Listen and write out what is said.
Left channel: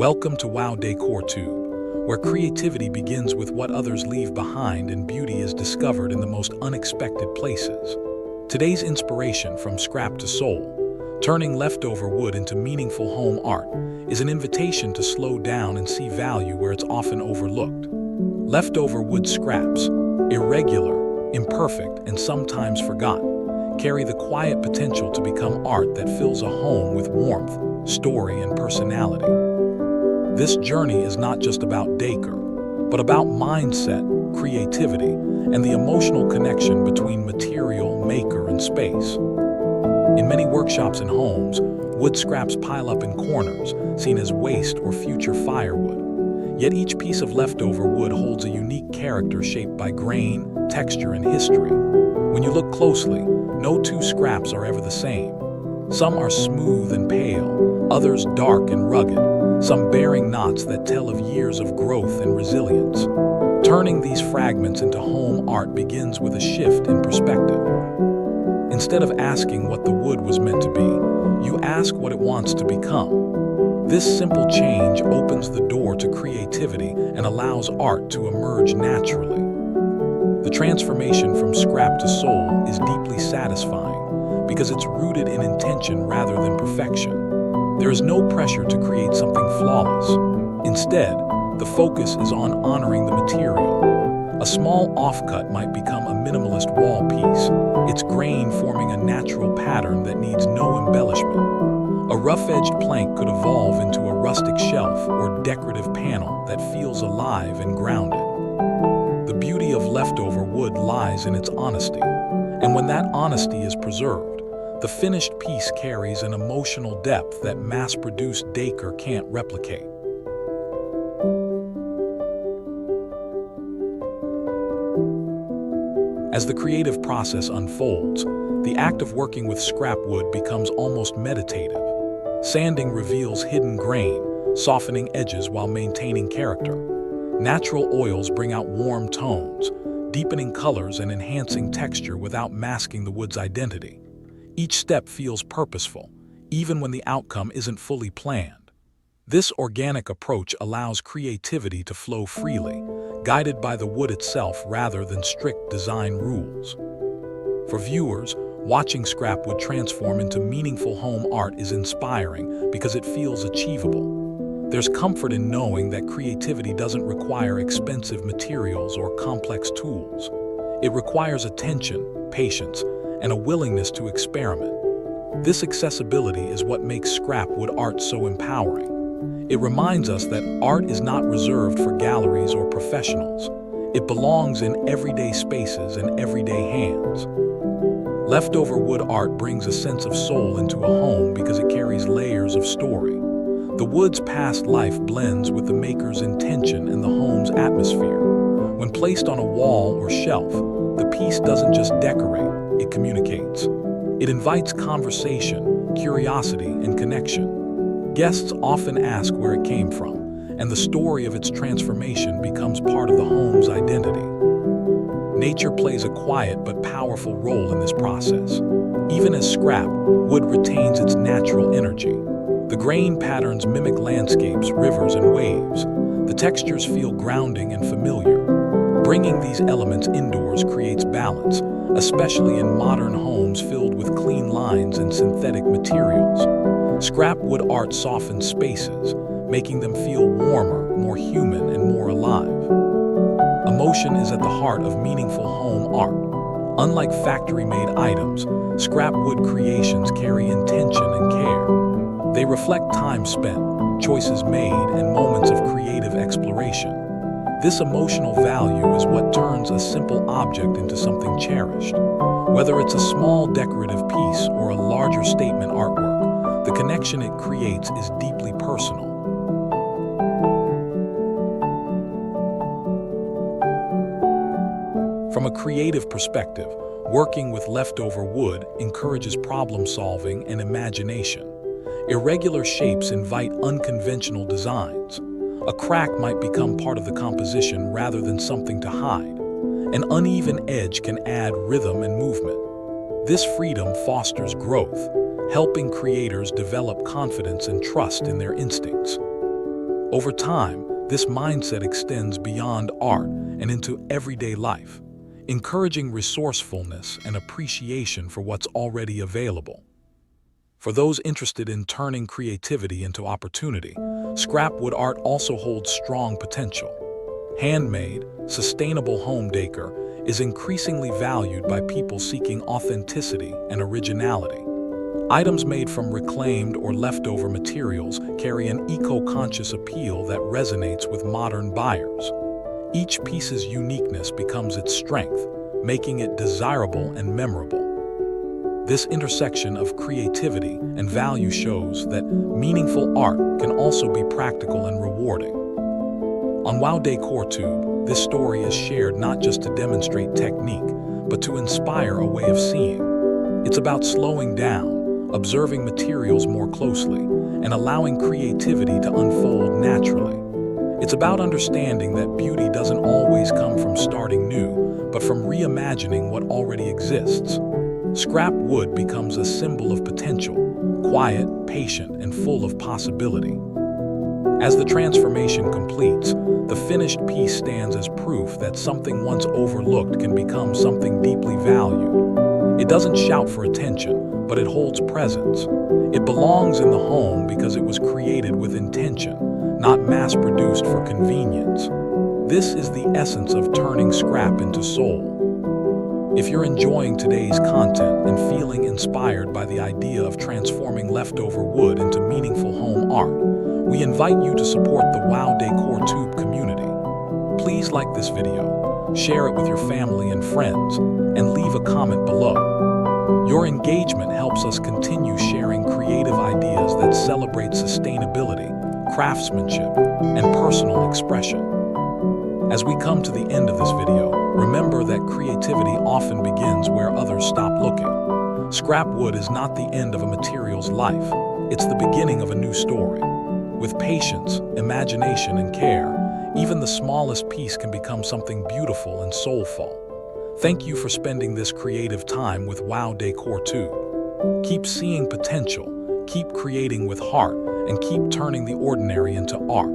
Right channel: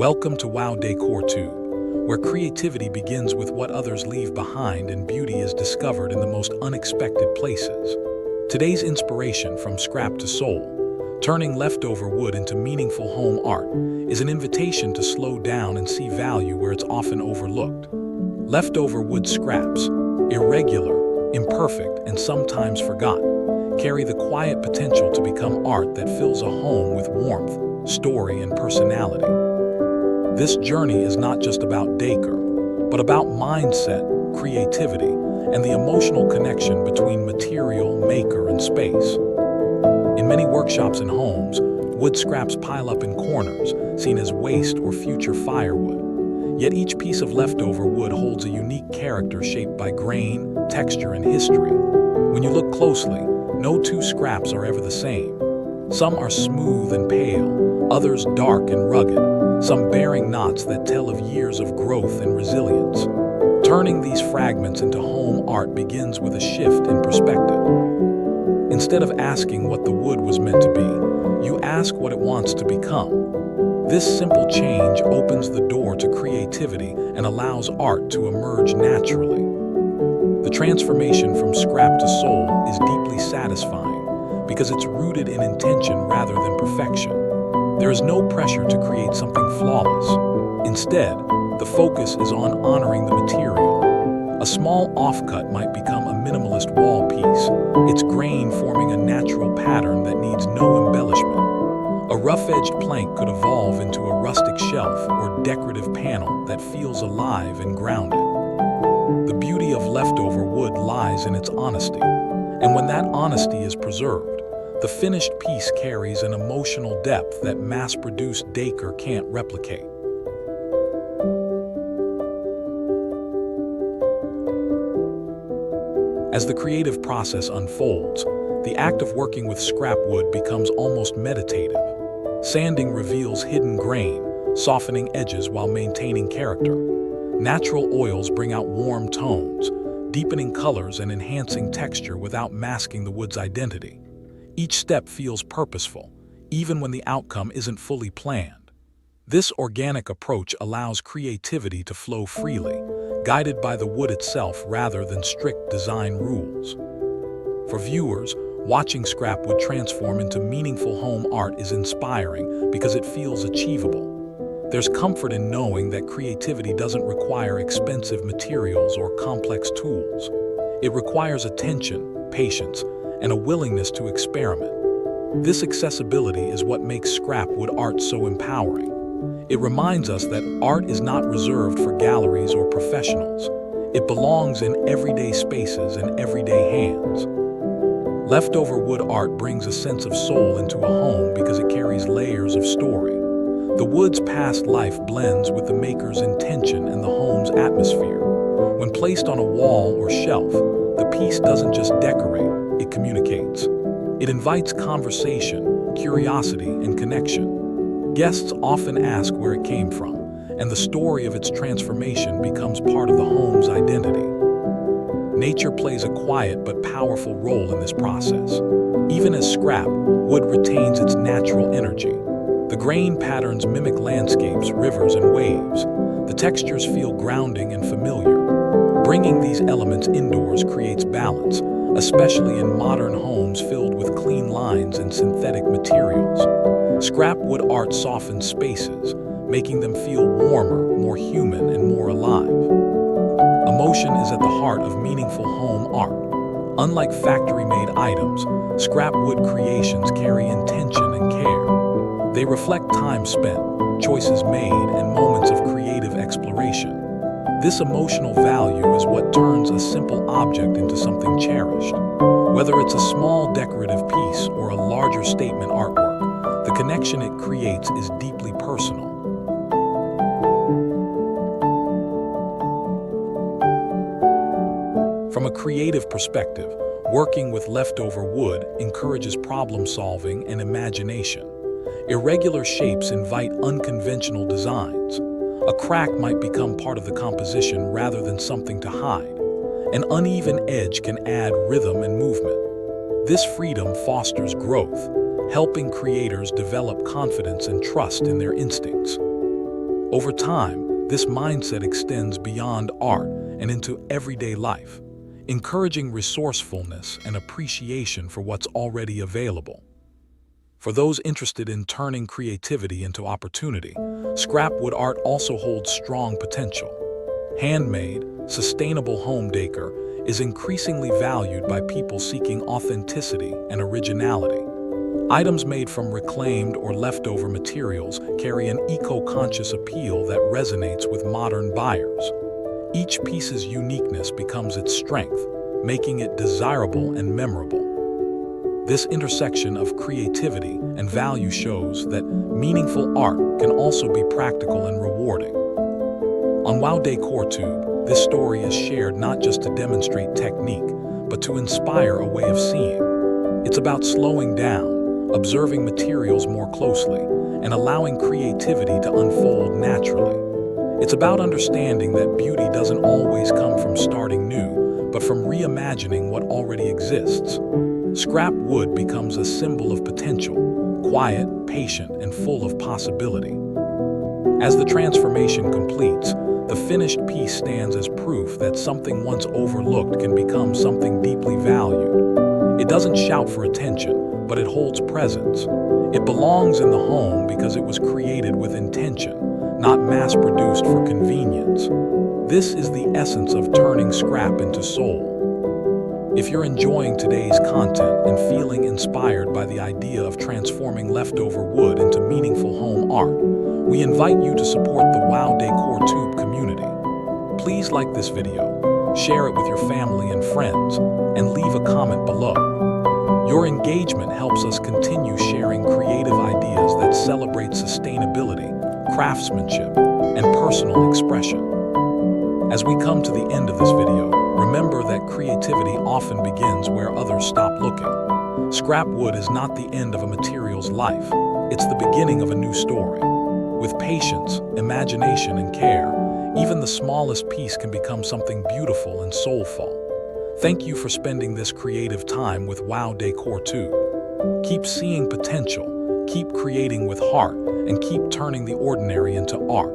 Welcome to Wow Decor Tube, where creativity begins with what others leave behind and beauty is discovered in the most unexpected places. Today's inspiration, from scrap to soul, turning leftover wood into meaningful home art, is an invitation to slow down and see value where it's often overlooked. Leftover wood scraps, irregular, imperfect, and sometimes forgotten, carry the quiet potential to become art that fills a home with warmth, story, and personality. This journey is not just about decor, but about mindset, creativity, and the emotional connection between material, maker, and space. In many workshops and homes, wood scraps pile up in corners, seen as waste or future firewood. Yet each piece of leftover wood holds a unique character shaped by grain, texture, and history. When you look closely, no two scraps are ever the same. Some are smooth and pale, others dark and rugged, some bearing knots that tell of years of growth and resilience. Turning these fragments into home art begins with a shift in perspective. Instead of asking what the wood was meant to be, you ask what it wants to become. This simple change opens the door to creativity and allows art to emerge naturally. The transformation from scrap to soul is deeply satisfying because it's rooted in intention rather than perfection. There is no pressure to create something flawless. Instead, the focus is on honoring the material. A small offcut might become a minimalist wall piece, its grain forming a natural pattern that needs no embellishment. A rough-edged plank could evolve into a rustic shelf or decorative panel that feels alive and grounded. The beauty of leftover wood lies in its honesty, and when that honesty is preserved, the finished piece carries an emotional depth that mass-produced decor can't replicate. As the creative process unfolds, the act of working with scrap wood becomes almost meditative. Sanding reveals hidden grain, softening edges while maintaining character. Natural oils bring out warm tones, deepening colors and enhancing texture without masking the wood's identity. Each step feels purposeful, even when the outcome isn't fully planned. This organic approach allows creativity to flow freely, guided by the wood itself rather than strict design rules. For viewers, watching scrap wood transform into meaningful home art is inspiring because it feels achievable. There's comfort in knowing that creativity doesn't require expensive materials or complex tools. It requires attention, patience, and a willingness to experiment. This accessibility is what makes scrap wood art so empowering. It reminds us that art is not reserved for galleries or professionals. It belongs in everyday spaces and everyday hands. Leftover wood art brings a sense of soul into a home because it carries layers of story. The wood's past life blends with the maker's intention and the home's atmosphere. When placed on a wall or shelf, the piece doesn't just decorate, it communicates. It invites conversation, curiosity, and connection. Guests often ask where it came from, and the story of its transformation becomes part of the home's identity. Nature plays a quiet but powerful role in this process. Even as scrap, wood retains its natural energy. The grain patterns mimic landscapes, rivers, and waves. The textures feel grounding and familiar. Bringing these elements indoors creates balance, especially in modern homes filled with clean lines and synthetic materials. Scrap wood art softens spaces, making them feel warmer, more human, and more alive. Emotion is at the heart of meaningful home art. Unlike factory-made items, scrap wood creations carry intention and care. They reflect time spent, choices made, and moments of creative exploration. This emotional value is what turns a simple object into something cherished. Whether it's a small decorative piece or a larger statement artwork, the connection it creates is deeply personal. From a creative perspective, working with leftover wood encourages problem solving and imagination. Irregular shapes invite unconventional designs. A crack might become part of the composition rather than something to hide. An uneven edge can add rhythm and movement. This freedom fosters growth, helping creators develop confidence and trust in their instincts. Over time, this mindset extends beyond art and into everyday life, encouraging resourcefulness and appreciation for what's already available. For those interested in turning creativity into opportunity, scrap wood art also holds strong potential. Handmade, sustainable home decor is increasingly valued by people seeking authenticity and originality. Items made from reclaimed or leftover materials carry an eco-conscious appeal that resonates with modern buyers. Each piece's uniqueness becomes its strength, making it desirable and memorable. This intersection of creativity and value shows that meaningful art can also be practical and rewarding. On Wow Decor Tube, this story is shared not just to demonstrate technique, but to inspire a way of seeing. It's about slowing down, observing materials more closely, and allowing creativity to unfold naturally. It's about understanding that beauty doesn't always come from starting new, but from reimagining what already exists. Scrap wood becomes a symbol of potential, quiet, patient, and full of possibility. As the transformation completes, the finished piece stands as proof that something once overlooked can become something deeply valued. It doesn't shout for attention, but it holds presence. It belongs in the home because it was created with intention, not mass-produced for convenience. This is the essence of turning scrap into soul. If you're enjoying today's content and feeling inspired by the idea of transforming leftover wood into meaningful home art, we invite you to support the Wow Decor Tube community. Please like this video, share it with your family and friends, and leave a comment below. Your engagement helps us continue sharing creative ideas that celebrate sustainability, craftsmanship, and personal expression. As we come to the end of this video, remember that creativity often begins where others stop looking. Scrap wood is not the end of a material's life, it's the beginning of a new story. With patience, imagination, and care, even the smallest piece can become something beautiful and soulful. Thank you for spending this creative time with Wow Decor Tube. Keep seeing potential, keep creating with heart, and keep turning the ordinary into art.